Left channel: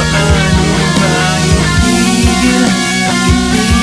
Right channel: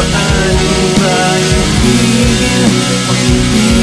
Paano ba ipigil ang ibig